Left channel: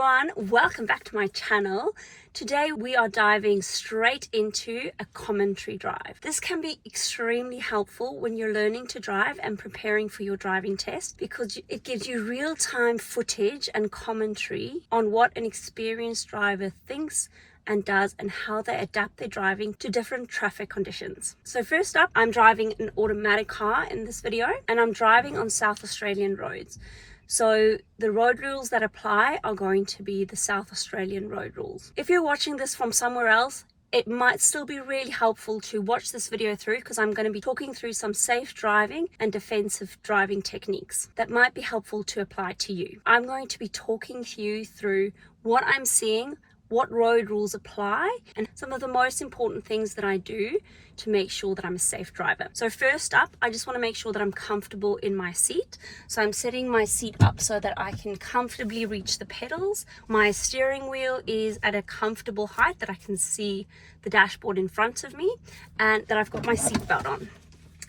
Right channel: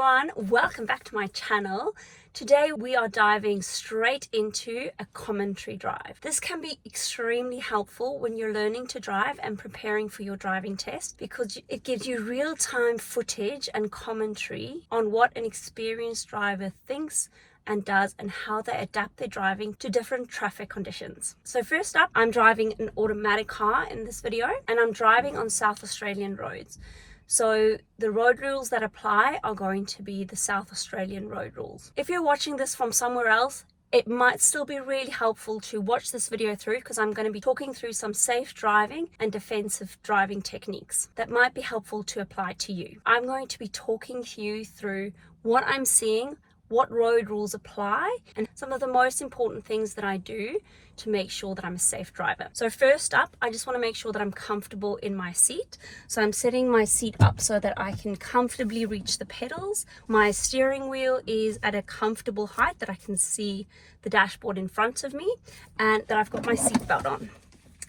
everyone, welcome back to my channel. Today we are diving straight into a commentary drive. This can be extremely helpful when you're learning to drive and preparing for your driving test because it gives you real-time footage and commentary on what an experienced driver thinks and does and how they adapt their driving to different traffic conditions. So first up, I'm driving an automatic car in this video and I'm driving on South Australian roads. So the road rules that apply are going to be the South Australian road rules. If you're watching this from somewhere else, it might still be really helpful to watch this video through because I'm going to be talking through some safe driving and defensive driving techniques that might be helpful to apply to you. I'm going to be talking to you through what I'm seeing, what road rules apply, and some of the most important things that I do to make sure that I'm a safe driver. So first up, I just want to make sure that I'm comfortable in my seat. So I'm setting my seat up so that I can comfortably reach the pedals. My steering wheel is at a comfortable height that I can see the dashboard in front of me and that I've got my seatbelt on.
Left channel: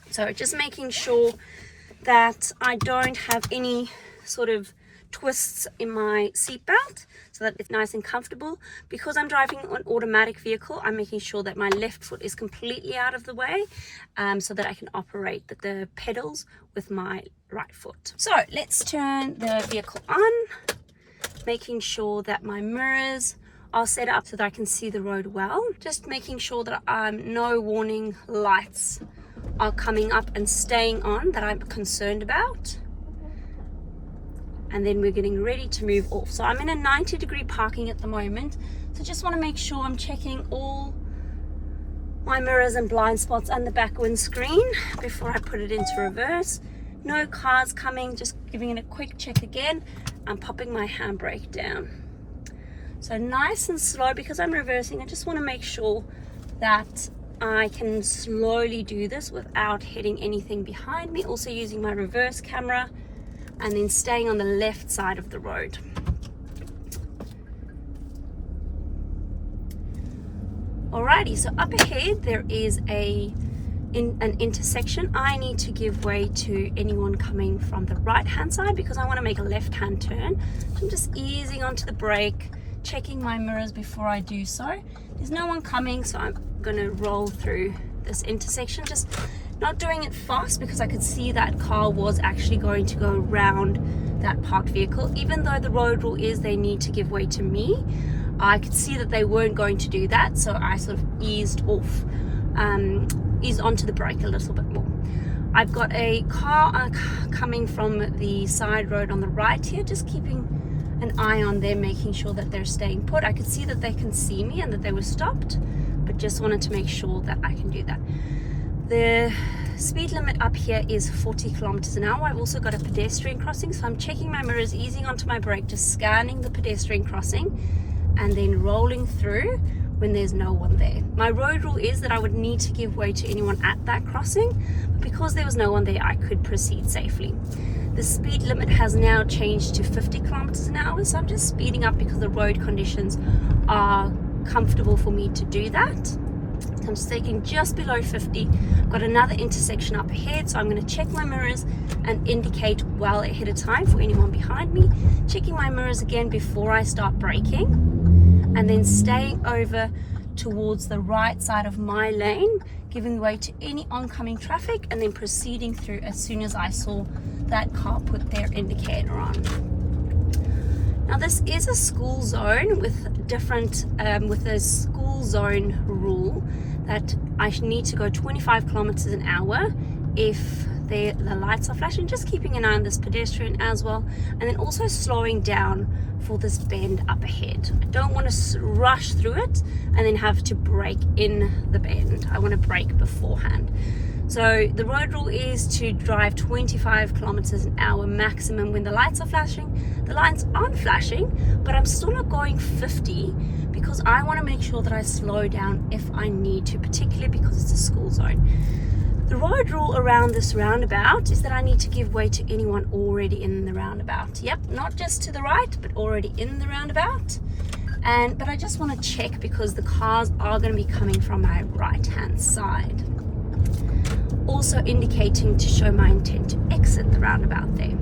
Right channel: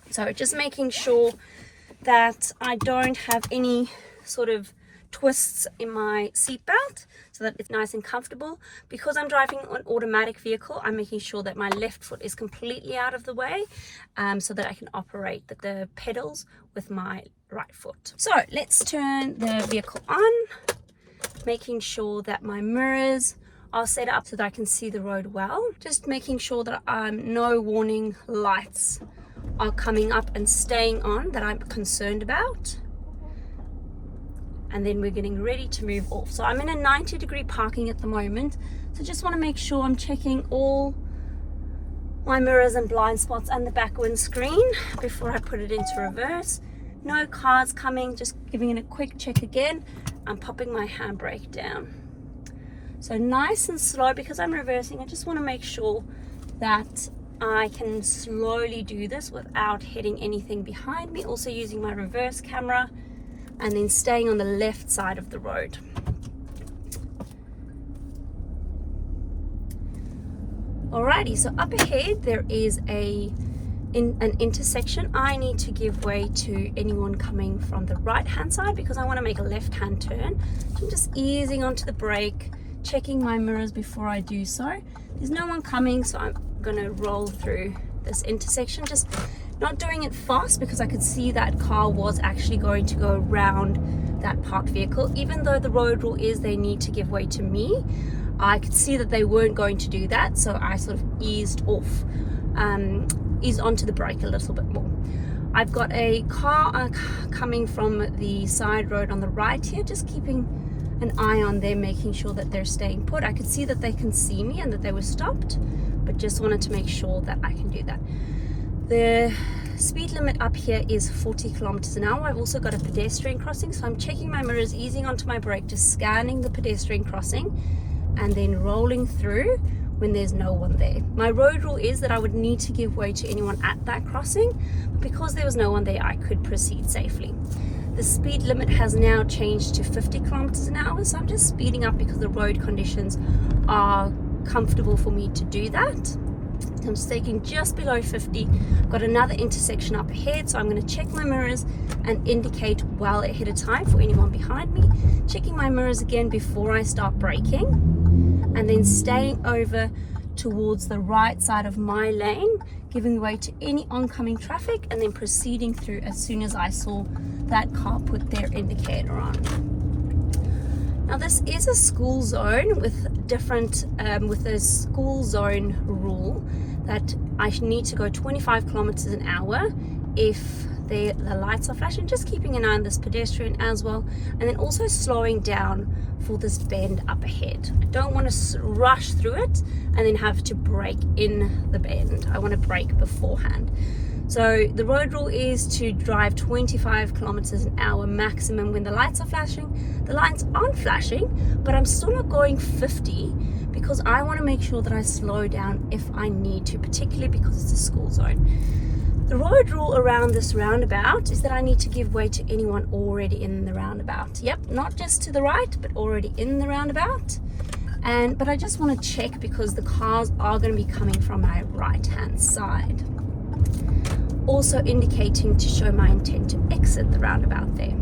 So just making sure that I don't have any sort of twists in my seatbelt so that it's nice and comfortable. Because I'm driving an automatic vehicle, I'm making sure that my left foot is completely out of the way so that I can operate the pedals with my right foot. So let's turn the vehicle on, making sure that my mirrors are set up so that I can see the road well. Just making sure that no warning lights are coming up and staying on that I'm concerned about. And then we're getting ready to move off. So I'm in a 90-degree parking at the moment. So just want to make sure I'm checking all my mirrors and blind spots and the back windscreen before I put it into reverse. No cars coming, just giving it a quick check again. I'm popping my handbrake down. So nice and slow because I'm reversing. I just want to make sure that I can slowly do this without hitting anything behind me. Also using my reverse camera, and then staying on the left side of the road. Alrighty, so up ahead there is an intersection. I need to give way to anyone coming from the right hand side because I want to make a left hand turn. So I'm just easing onto the brake, checking my mirrors before I do so. There's no one coming, so I'm gonna roll through this intersection, just not doing it fast because I could see that car was actually going to go around that parked vehicle. Even though the road rule is they need to give way to me, I could see that they weren't going to do that, so I sort of eased onto the brake a little bit more. I've got a car coming from the side road on the right here, just keeping an eye on them, making sure that they're staying put. I could see that they can see me and that they were stopped, but just wanted to make sure that I can do that. The speed limit up here is 40 kilometers an hour. I've also got a pedestrian crossing, so I'm checking my mirrors, easing onto my brake, just scanning the pedestrian crossing and then rolling through when there's no one there. My road rule is that I would need to give way to anyone at that crossing, but because there was no one there, I could proceed safely. The speed limit has now changed to 50 kilometers an hour, so I'm just speeding up because the road conditions are comfortable for me to do that. I'm just taking just below 50. I've got another intersection up ahead, so I'm going to check my mirrors and indicate well ahead of time for anyone behind me. Checking my mirrors again before I start braking, and then staying over towards the right side of my lane, giving way to any oncoming traffic, and then proceeding through as soon as I saw that car put their indicator on. Now this is a school zone with different, with a school zone rule that I need to go 25 kilometers an hour if the lights are flashing, just keeping an eye on this pedestrian as well, and then also slowing down for this bend up ahead. I don't want to rush through it and then have to brake in the bend. I want to brake beforehand. So the road rule is to drive 25 kilometers an hour maximum when the lights are flashing. The lights aren't flashing, but I'm still not going 50 because I want to make sure that I slow down if I need to, particularly because it's a school zone. The road rule around this roundabout is that I need to give way to anyone already in the roundabout. Yep, not just to the right, but already in the roundabout. But I just want to check because the cars are going to be coming from my right hand side. Also indicating to show my intent to exit the roundabout there.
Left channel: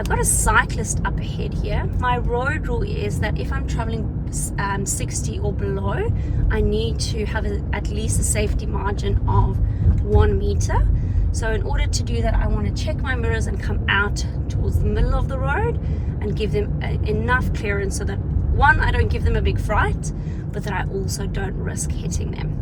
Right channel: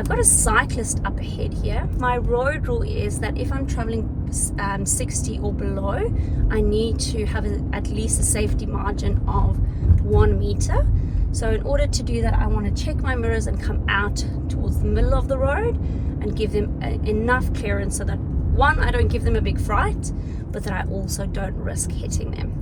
I've got a cyclist up ahead here. My road rule is that if I'm traveling 60 or below, I need to have at least a safety margin of 1 meter. So in order to do that, I want to check my mirrors and come out towards the middle of the road and give them enough clearance so that, one, I don't give them a big fright, but that I also don't risk hitting them.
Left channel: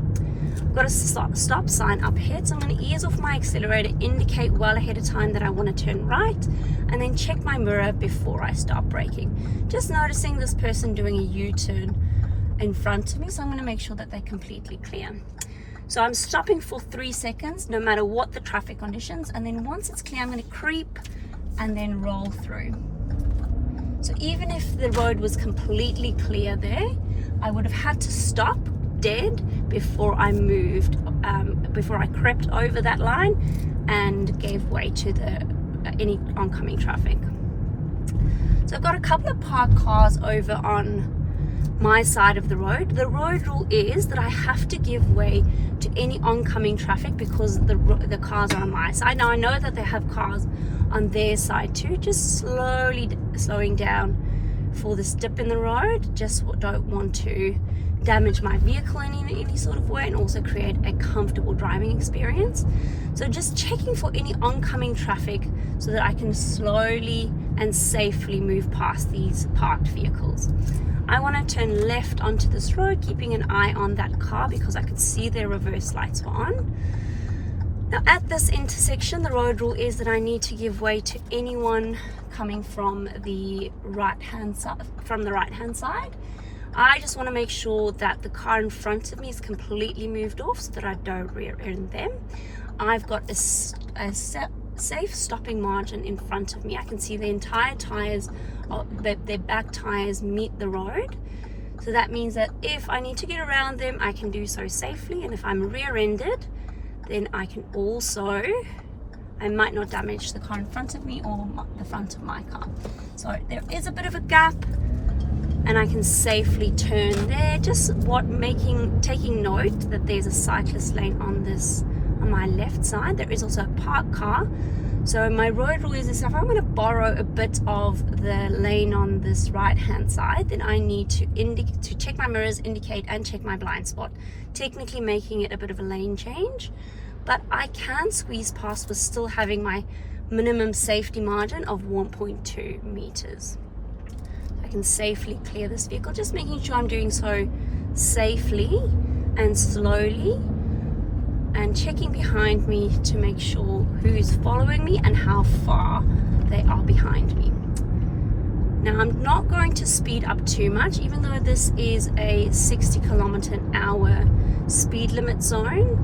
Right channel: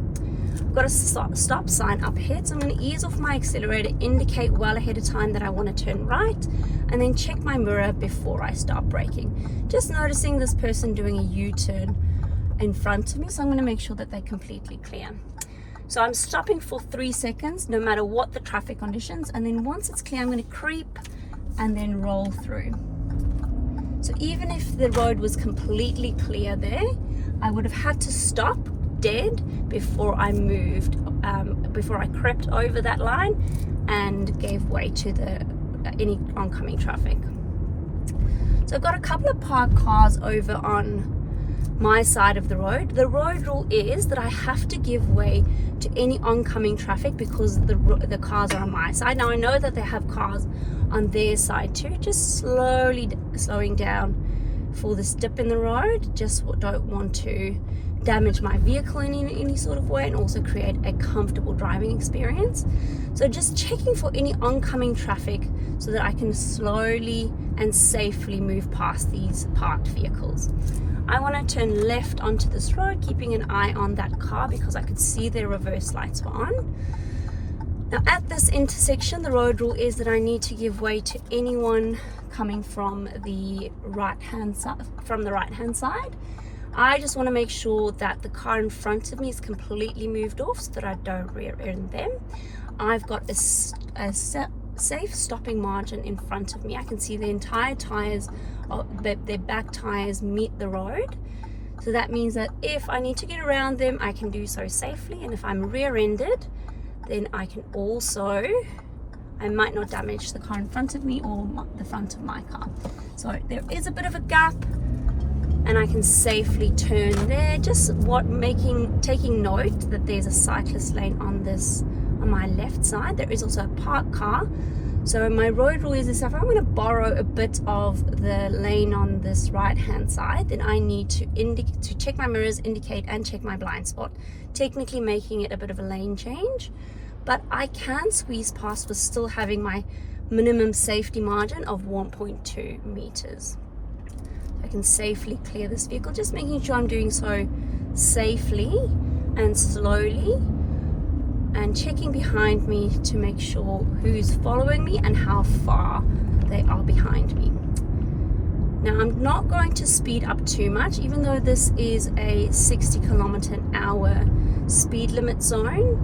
I've got a stop sign up ahead, so I'm going to ease off my accelerator, indicate well ahead of time that I want to turn right, and then check my mirror before I start braking. Just noticing this person doing a U-turn in front of me, so I'm going to make sure that they're completely clear. So I'm stopping for 3 seconds, no matter what the traffic conditions, and then once it's clear, I'm going to creep and then roll through. So even if the road was completely clear there, I would have had to stop dead before I moved, before I crept over that line and gave way to any oncoming traffic. So I've got a couple of parked cars over on my side of the road. The road rule is that I have to give way to any oncoming traffic because the cars are on my side. Now I know that they have cars on their side too, just slowing down for this dip in the road. Just don't want to damage my vehicle in any sort of way, and also create a comfortable driving experience. So just checking for any oncoming traffic so that I can slowly and safely move past these parked vehicles. I want to turn left onto this road, keeping an eye on that car because I could see their reverse lights were on. Now at this intersection, the road rule is that I need to give way to anyone coming from the right-hand side. I just want to make sure that the car in front of me is completely moved off so that I don't rear end them. I've got a safe stopping margin in front of me. I can see the entire tires, their back tires meet the road. So that means that if I need to get around them, I can do so safely. And if I'm rear-ended, then I can also, I might not damage the car in front of me or the front of my car. So there is a bit of a gap, and I can safely turn there. Just taking note that there's a cyclist lane on my left side. There is also a parked car. So my road rule is this: if I'm going to borrow a bit of the lane on this right-hand side, then I need to check my mirrors, indicate, and check my blind spot. Technically making it a bit of a lane change, but I can squeeze past with still having my minimum safety margin of 1.2 meters. I can safely clear this vehicle, just making sure I'm doing so safely and slowly, and checking behind me to make sure who's following me and how far they are behind me. Now I'm not going to speed up too much, even though this is a 60 km/h speed limit zone.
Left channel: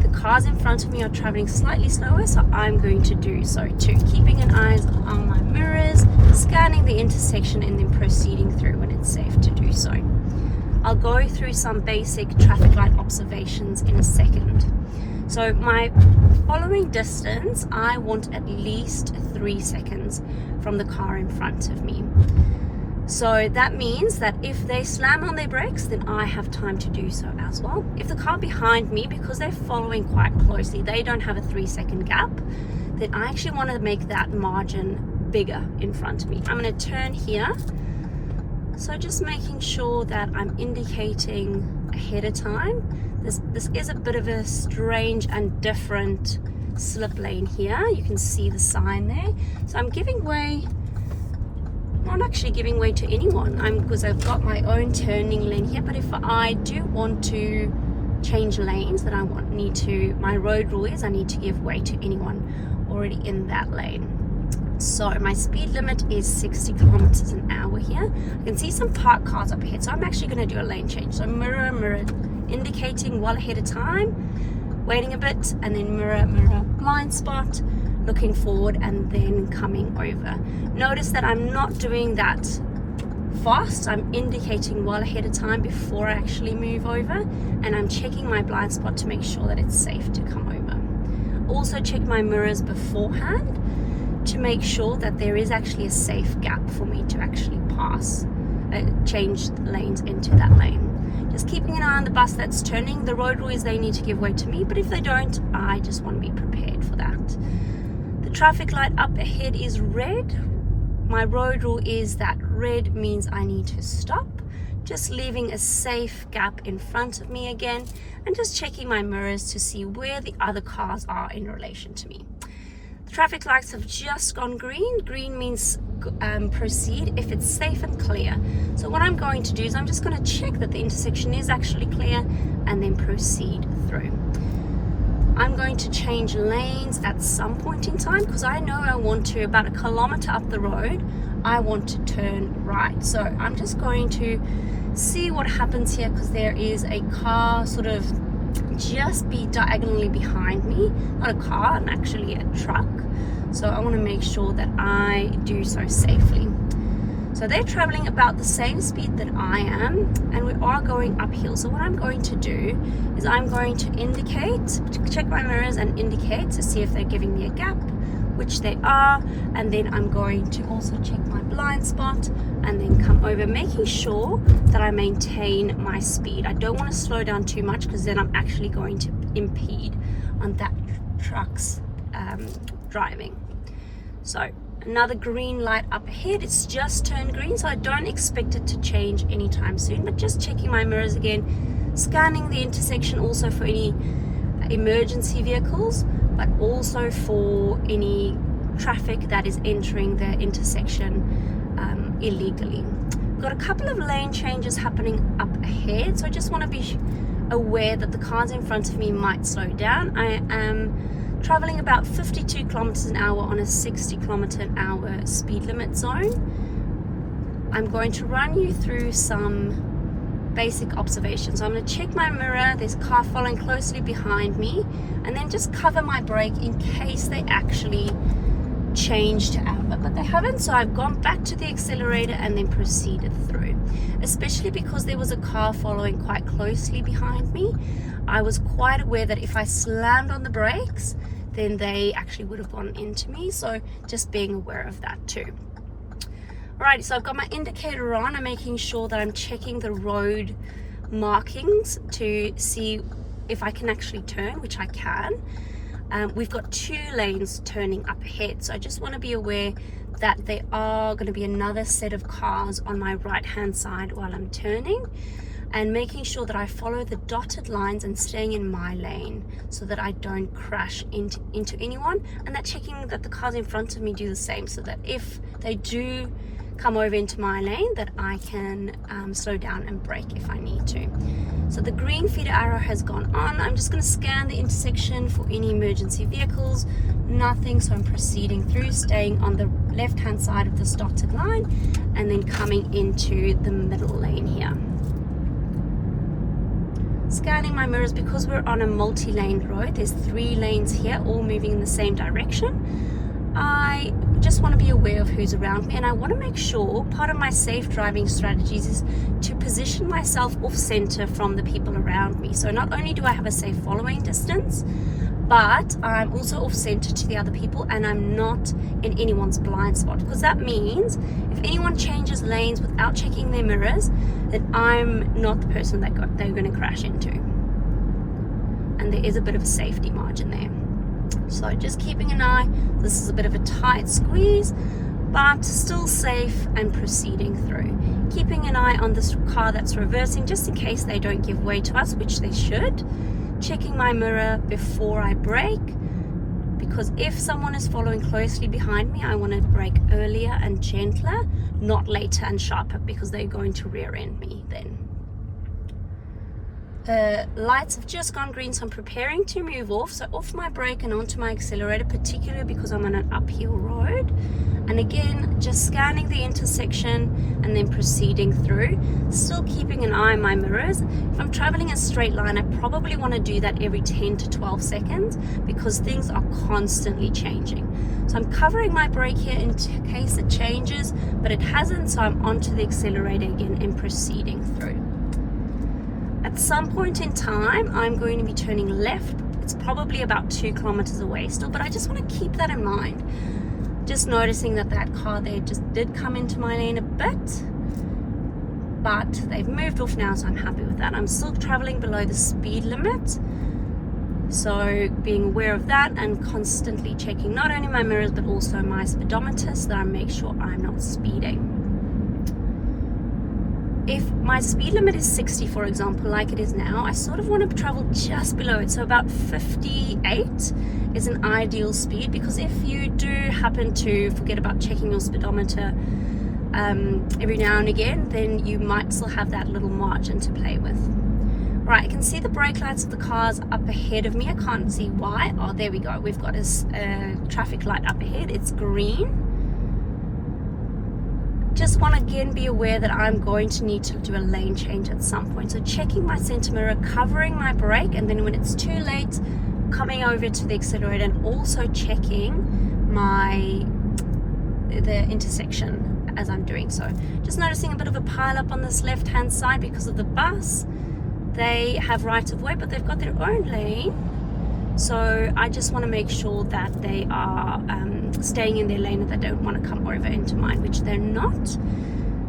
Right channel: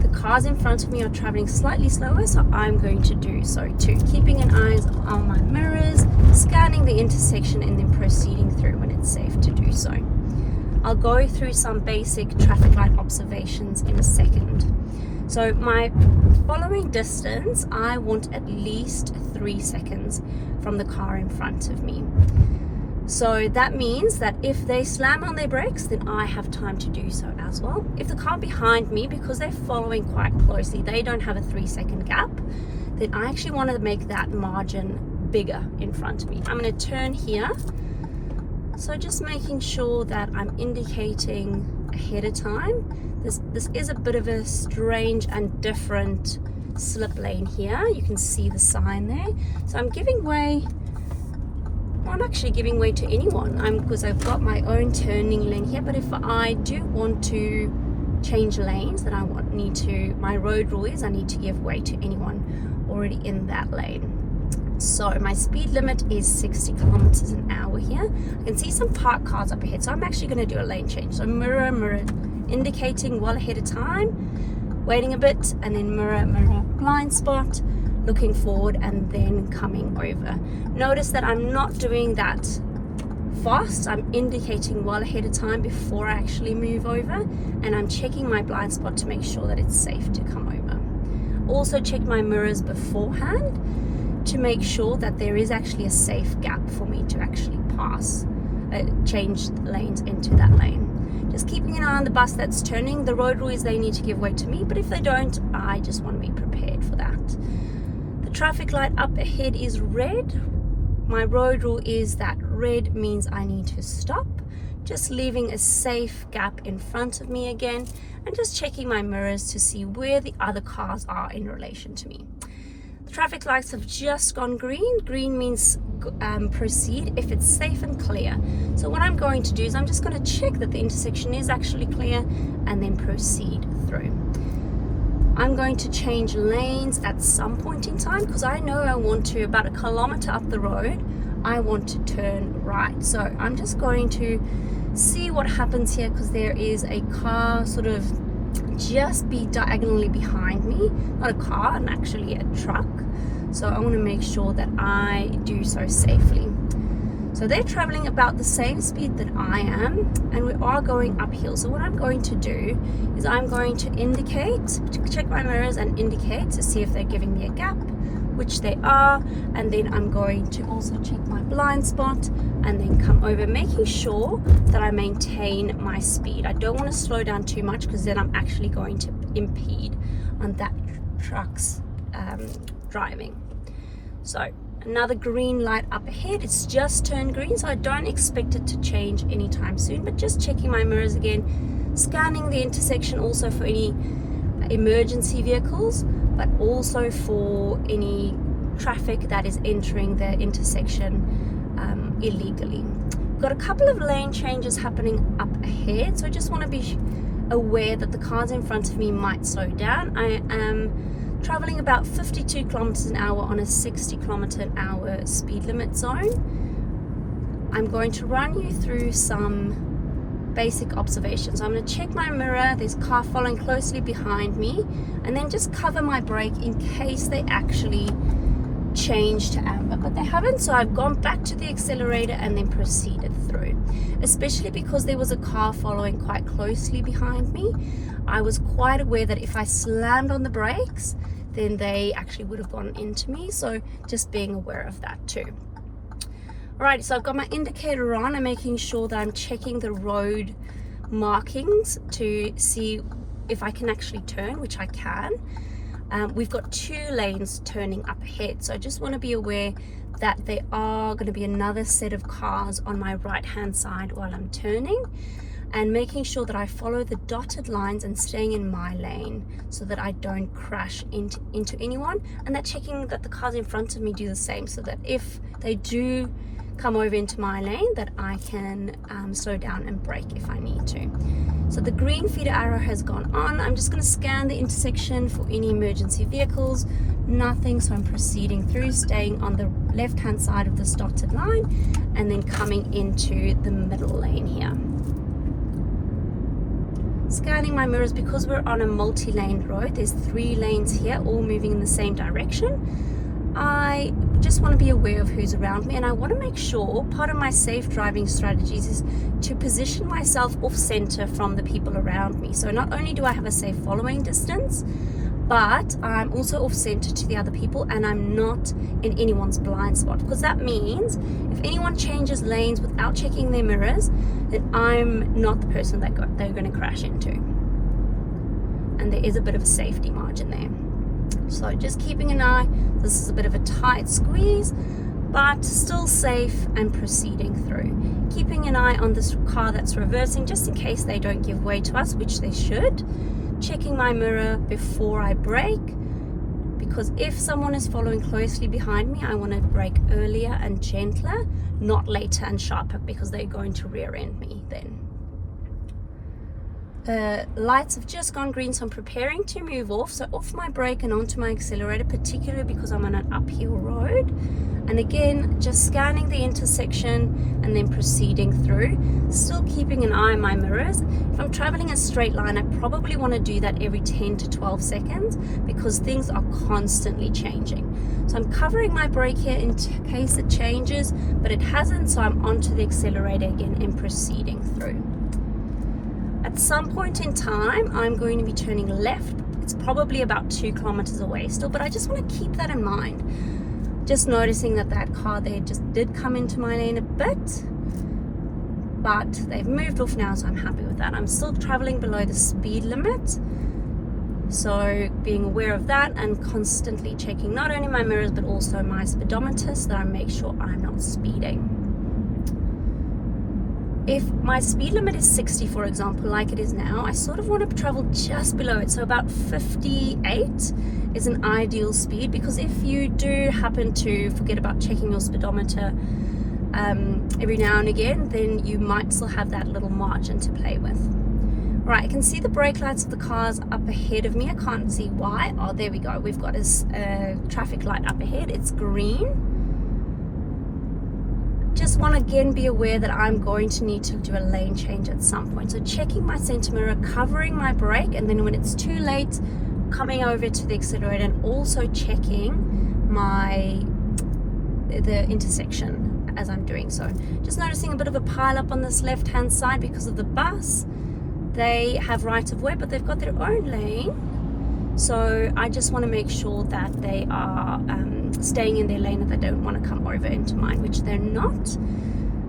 The cars in front of me are traveling slightly slower, so I'm going to do so too, keeping an eye on my mirrors, scanning the intersection, and then proceeding through when it's safe to do so. I'll go through some basic traffic light observations in a second. So my following distance, I want at least 3 seconds from the car in front of me. So that means that if they slam on their brakes, then I have time to do so as well. If the car behind me, because they're following quite closely, they don't have a 3-second gap, then I actually want to make that margin bigger in front of me. I'm going to turn here. So just making sure that I'm indicating ahead of time. This is a bit of a strange and different slip lane here. You can see the sign there. So I'm giving way. I'm not actually giving way to anyone because I've got my own turning lane here. But if I do want to change lanes, then my road rule is I need to give way to anyone already in that lane. So my speed limit is 60 km/h here. I can see some parked cars up ahead, so I'm actually going to do a lane change. So mirror, indicating well ahead of time, waiting a bit, and then mirror, blind spot, looking forward, and then coming over. Notice that I'm not doing that fast. I'm indicating well ahead of time before I actually move over, and I'm checking my blind spot to make sure that it's safe to come over. Also check my mirrors beforehand to make sure that there is actually a safe gap for me to actually change lanes into that lane. Just keeping an eye on the bus that's turning. The road rule is they need to give way to me, but if they don't, I just want to be prepared for that. The traffic light up ahead is red. My road rule is that red means I need to stop, just leaving a safe gap in front of me again, and just checking my mirrors to see where the other cars are in relation to me. The traffic lights have just gone green. Green means proceed if it's safe and clear. So what I'm going to do is I'm just going to check that the intersection is actually clear and then proceed through. I'm going to change lanes at some point in time because I know I want to, about 1 kilometer up the road, I want to turn right. So I'm just going to see what happens here because there is a car sort of just diagonally behind me. Not a car, and actually a truck. So I want to make sure that I do so safely. So they're traveling about the same speed that I am, and we are going uphill. So what I'm going to do is I'm going to indicate, check my mirrors and indicate to see if they're giving me a gap, which they are, and then I'm going to also check my blind spot and then come over, making sure that I maintain my speed. I don't want to slow down too much because then I'm actually going to impede on that truck's driving. So another green light up ahead. It's just turned green, so I don't expect it to change anytime soon, but just checking my mirrors again, scanning the intersection also for any emergency vehicles, but also for any traffic that is entering the intersection illegally. Got a couple of lane changes happening up ahead, so I just want to be aware that the cars in front of me might slow down. I am traveling about 52 kilometers an hour on a 60 kilometer an hour speed limit zone. I'm going to run you through some basic observations. So I'm going to check my mirror, there's a car following closely behind me, and then just cover my brake in case they actually change to amber, but they haven't, so I've gone back to the accelerator and then proceeded through. Especially because there was a car following quite closely behind me, I was quite aware that if I slammed on the brakes, then they actually would have gone into me, so just being aware of that too. Alright, so I've got my indicator on. I'm making sure that I'm checking the road markings to see if I can actually turn, which I can. We've got 2 lanes turning up ahead, so I just want to be aware that there are going to be another set of cars on my right hand side while I'm turning, and making sure that I follow the dotted lines and staying in my lane so that I don't crash into anyone, and that checking that the cars in front of me do the same, so that if they do come over into my lane, that I can slow down and brake if I need to. So the green feeder arrow has gone on. I'm just going to scan the intersection for any emergency vehicles. Nothing, so I'm proceeding through, staying on the left hand side of this dotted line and then coming into the middle lane here. Scanning my mirrors because we're on a multi-lane road. There's 3 lanes here, all moving in the same direction. I just want to be aware of who's around me, and I want to make sure part of my safe driving strategies is to position myself off center from the people around me. So not only do I have a safe following distance, but I'm also off center to the other people, and I'm not in anyone's blind spot, because that means if anyone changes lanes without checking their mirrors, then I'm not the person that they're going to crash into, and there is a bit of a safety margin there. So just keeping an eye. This is a bit of a tight squeeze, but still safe, and proceeding through. Keeping an eye on this car that's reversing just in case they don't give way to us, which they should. Checking my mirror before I brake, because if someone is following closely behind me, I want to brake earlier and gentler, not later and sharper, because they're going to rear end me then. The lights have just gone green, so I'm preparing to move off. So off my brake and onto my accelerator, particularly because I'm on an uphill road. And again, just scanning the intersection and then proceeding through. Still keeping an eye on my mirrors. If I'm traveling a straight line, I probably want to do that every 10 to 12 seconds because things are constantly changing. So I'm covering my brake here in case it changes, but it hasn't, so I'm onto the accelerator again and proceeding through. At some point in time, I'm going to be turning left. It's probably about 2 kilometers away still, but I just want to keep that in mind. Just noticing that that car there just did come into my lane a bit, but they've moved off now, so I'm happy with that. I'm still traveling below the speed limit. So being aware of that and constantly checking not only my mirrors but also my speedometer so that I make sure I'm not speeding. If my speed limit is 60, for example, like it is now, I sort of want to travel just below it. So about 58 is an ideal speed, because if you do happen to forget about checking your speedometer every now and again, then you might still have that little margin to play with. Right, I can see the brake lights of the cars up ahead of me. I can't see why. Oh, there we go. We've got a traffic light up ahead. It's green. Just want to again be aware that I'm going to need to do a lane change at some point. So checking my center mirror, covering my brake, and then when it's too late, coming over to the accelerator and also checking the intersection as I'm doing so. Just noticing a bit of a pile up on this left hand side because of the bus. They have right of way, but they've got their own lane. So I just want to make sure that they are staying in their lane, and they don't want to come over into mine, which they're not.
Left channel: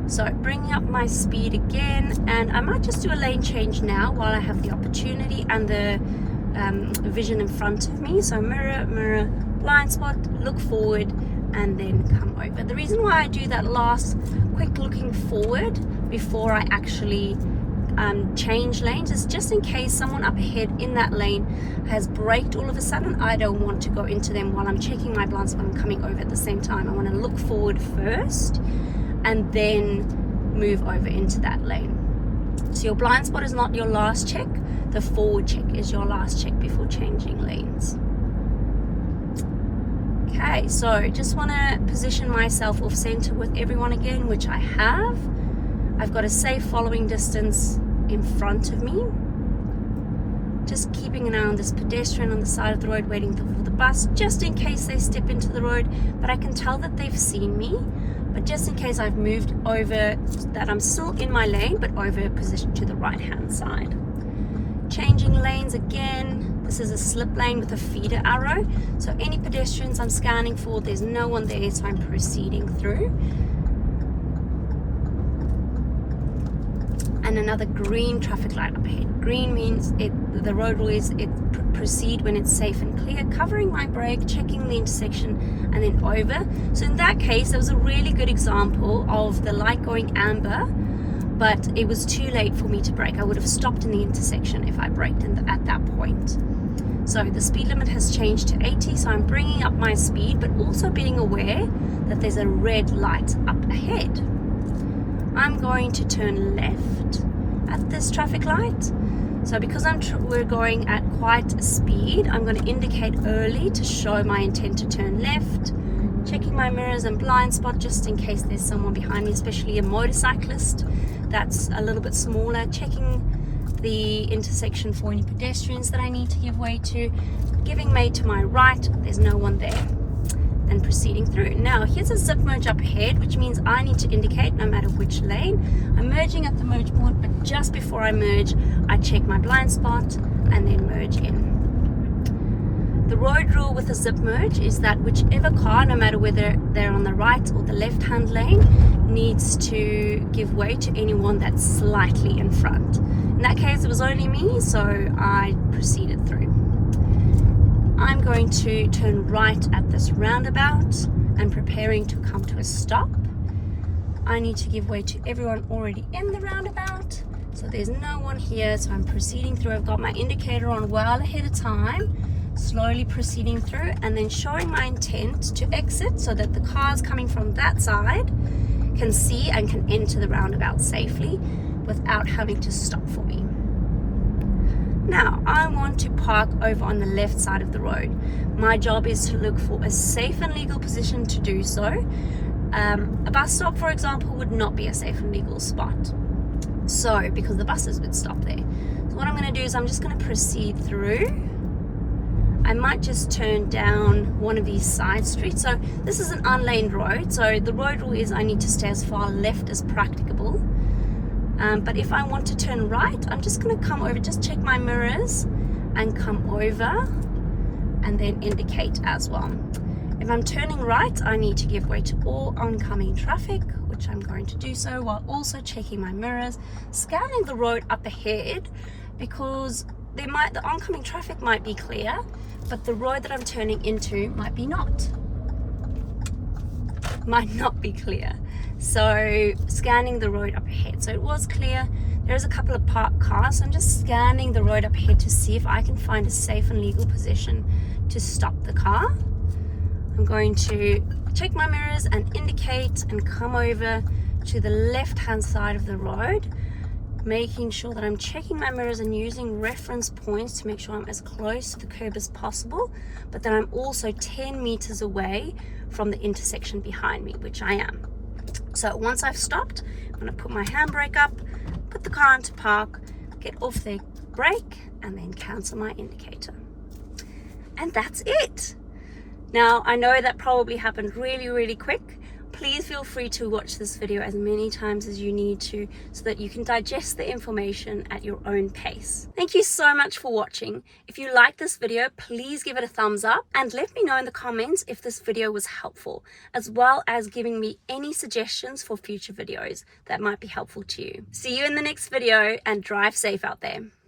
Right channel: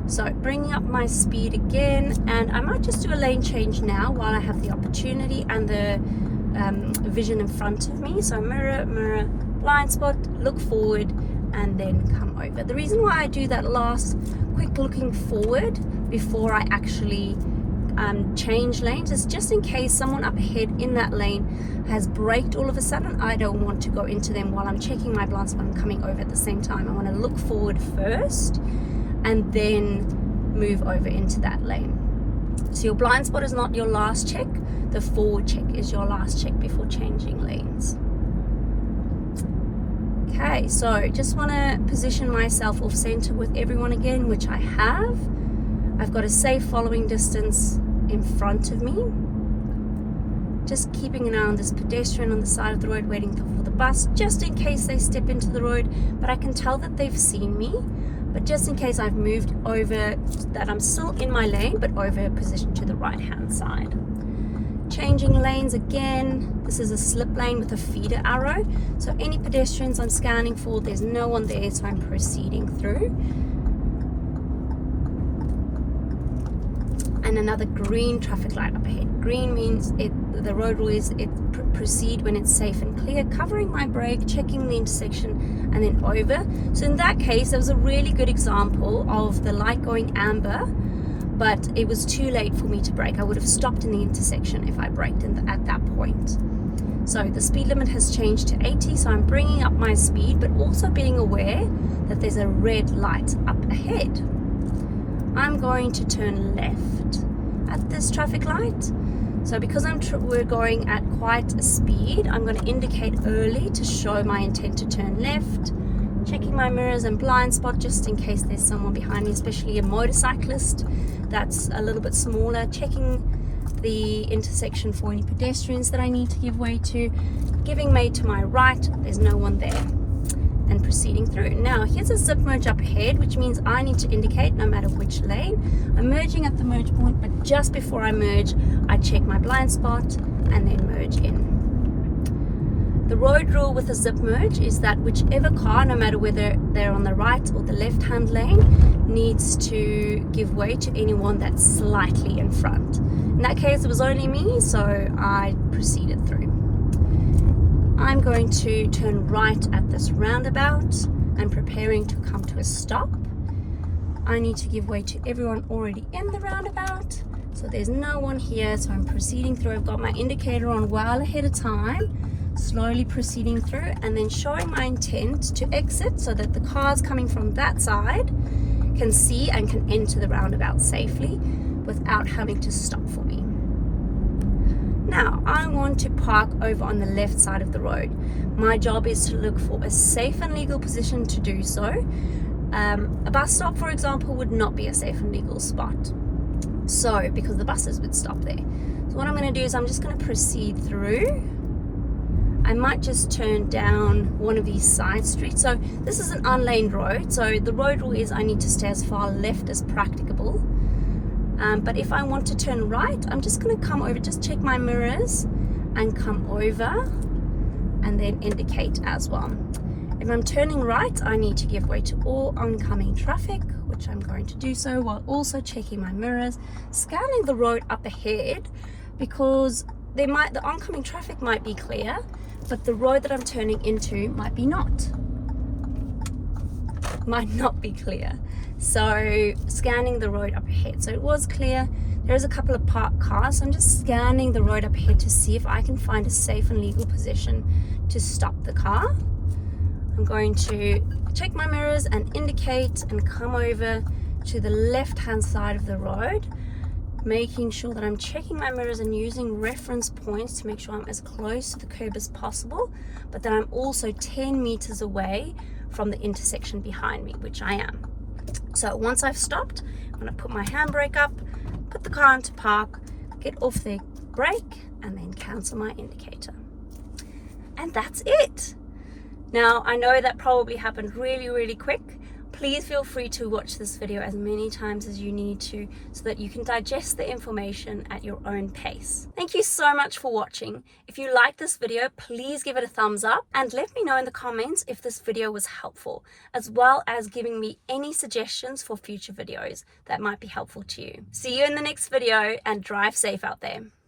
So bringing up my speed again, and I might just do a lane change now while I have the opportunity and the vision in front of me. So mirror, blind spot, look forward, and then come over. The reason why I do that last quick looking forward before I actually change lanes is just in case someone up ahead in that lane has braked all of a sudden. I don't want to go into them while I'm checking my blind spot and coming over at the same time. I want to look forward first and then move over into that lane. So your blind spot is not your last check. The forward check is your last check before changing lanes. Okay, so just want to position myself off center with everyone again, which I have. I've got a safe following distance in front of me. Just keeping an eye on this pedestrian on the side of the road, waiting for the bus, just in case they step into the road. But I can tell that they've seen me. But just in case I've moved over, that I'm still in my lane, but over position to the right-hand side. Changing lanes again. This is a slip lane with a feeder arrow. So any pedestrians I'm scanning for, there's no one there, so I'm proceeding through. And another green traffic light up ahead. Green means the road rules proceed when it's safe and clear, covering my brake, checking the intersection, and then over. So in that case, there was a really good example of the light going amber, but it was too late for me to brake. I would have stopped in the intersection if I braked at that point. So the speed limit has changed to 80, so I'm bringing up my speed, but also being aware that there's a red light up ahead. I'm going to turn left at this traffic light. So because we're going at quite a speed, I'm going to indicate early to show my intent to turn left. Checking my mirrors and blind spot just in case there's someone behind me, especially a motorcyclist that's a little bit smaller. Checking the intersection for any pedestrians that I need to give way to. Giving way to my right, there's no one there. And proceeding through. Now here's a zip merge up ahead, which means I need to indicate no matter which lane. I'm merging at the merge point, but just before I merge, I check my blind spot and then merge in. The road rule with a zip merge is that whichever car, no matter whether they're on the right or the left hand lane, needs to give way to anyone that's slightly in front. In that case, it was only me, so I proceeded through. I'm going to turn right at this roundabout and preparing to come to a stop. I need to give way to everyone already in the roundabout. So there's no one here, so I'm proceeding through. I've got my indicator on well ahead of time, slowly proceeding through and then showing my intent to exit so that the cars coming from that side can see and can enter the roundabout safely without having to stop for me. Now, I want to park over on the left side of the road. My job is to look for a safe and legal position to do so. A bus stop, for example, would not be a safe and legal spot. So, because the buses would stop there. So what I'm going to do is I'm just going to proceed through. I might just turn down one of these side streets. So this is an unlaned road. So the road rule is I need to stay as far left as practicable. But if I want to turn right, I'm just going to come over, just check my mirrors and come over and then indicate as well. If I'm turning right, I need to give way to all oncoming traffic, which I'm going to do so while also checking my mirrors, scanning the road up ahead because the oncoming traffic might be clear, but the road that I'm turning into might not be clear. So scanning the road up ahead. So it was clear. There's a couple of parked cars. So I'm just scanning the road up ahead to see if I can find a safe and legal position to stop the car. I'm going to check my mirrors and indicate and come over to the left-hand side of the road, making sure that I'm checking my mirrors and using reference points to make sure I'm as close to the curb as possible, but that I'm also 10 meters away from the intersection behind me, which I am. So once I've stopped, I'm going to put my handbrake up, put the car into park, get off the brake, and then cancel my indicator. And that's it. Now, I know that probably happened really, really quick. Please feel free to watch this video as many times as you need to so that you can digest the information at your own pace. Thank you so much for watching. If you like this video, please give it a thumbs up and let me know in the comments if this video was helpful, as well as giving me any suggestions for future videos that might be helpful to you. See you in the next video and drive safe out there.